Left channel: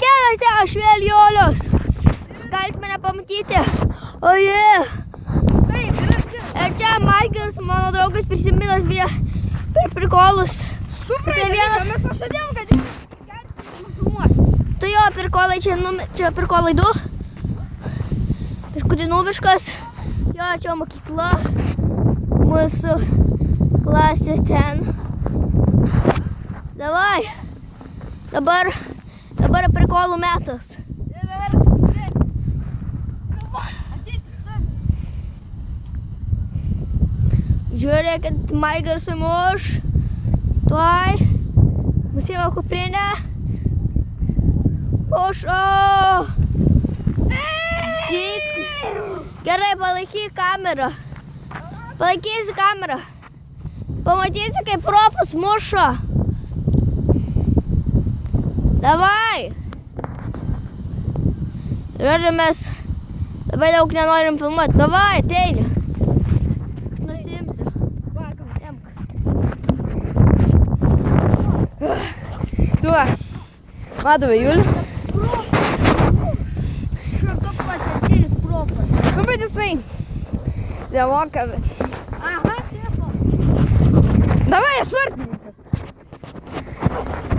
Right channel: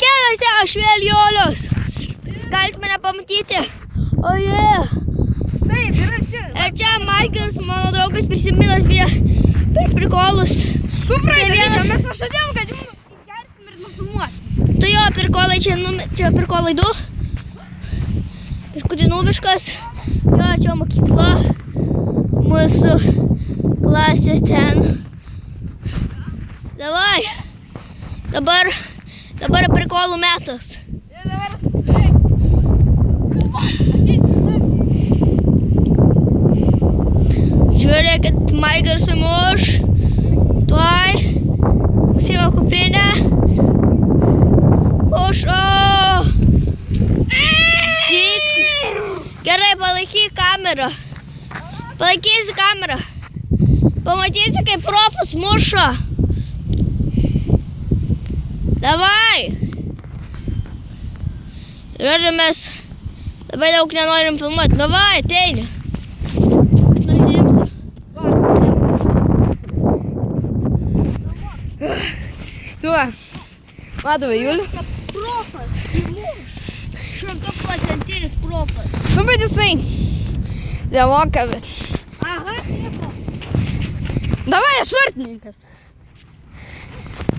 keliuose, aš vėl Julius. Galite mane pamatyti. O jie. Taip, yra čia. Ir čia Margeris, mano draugas prisiminęs per prikolus. Nu, vienas- mes pažadėjom, kad jums gersim ir nufilmuosim. Tu jo prikolai, čia prikolai 2. Iškudinoviškas. Jo, čia mokykla. Mūsų klasė ten. Davai. Dabar prikolų metas. Ir dabar, taip. Va, ateis, Žiūrėkit, Margeris suimuš. Tuoj. Nusima kuprinę. Pušo. Gerai, palaikyk kamerą. Palaikysi kamerą. Pamatysi, kaip profas muša. Davai. Žodžiu, mes labai daug nenorim filmuoti. Davai, ateini. Aš nusiimsiu. Duo. Vadovai, Julį. Šimtaprocentinis profas. Nu, bet jisai nemoka, bet. Aha, Davai, aš vartininkas.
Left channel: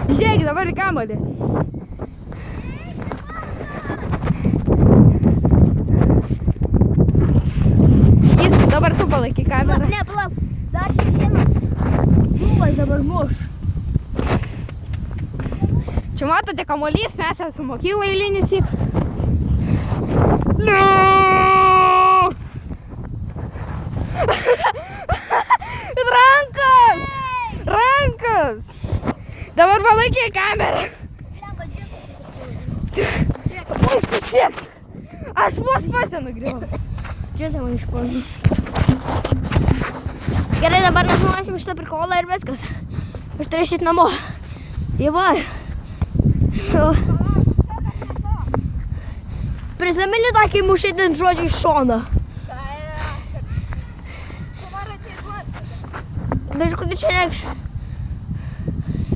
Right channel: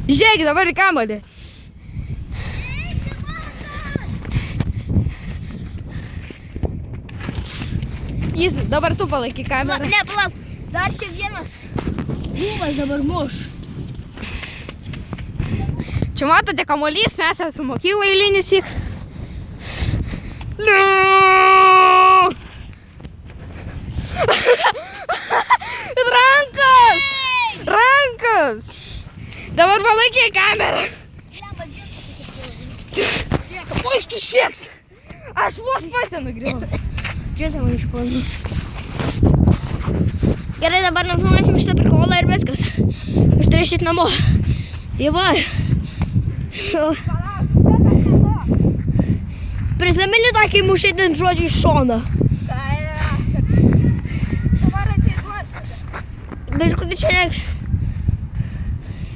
Žiūrėkit, dabar į kamuolį. Jis, dabar tu palaikyk kamerą. Ne, palauk. Dar čia vienas. Buvas dabar muš. Čia matote kamuolys, mes esame mokykla eilinis syk. Rankas! Rankas! Dabar palaikyk kamerą. Oi, tu šiek. Aš vos pasę nugriau. Čia savo išpoznu. Gerai, dabar nufilmuosim šitą prikolą ir viskas. Aš turėsit namo. Dievai. Prisimeni tą, kai mušai ten žodžiai iš šono. Biškutį čia net.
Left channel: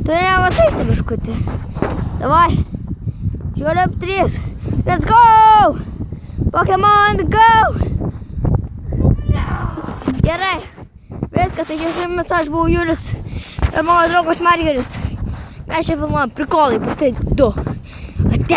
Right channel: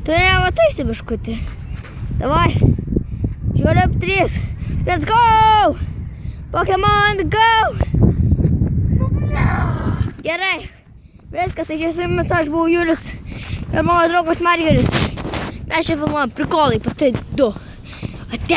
Tu nemataisi biškutį. Davai. Žiūrėp 3. Let's go! Pokemon go! Gerai. Viskas, tai čia su jumis aš buvau Julius ir mano draugas Margeris. Mes čia filmuojam prikolai, patai 2. Ate.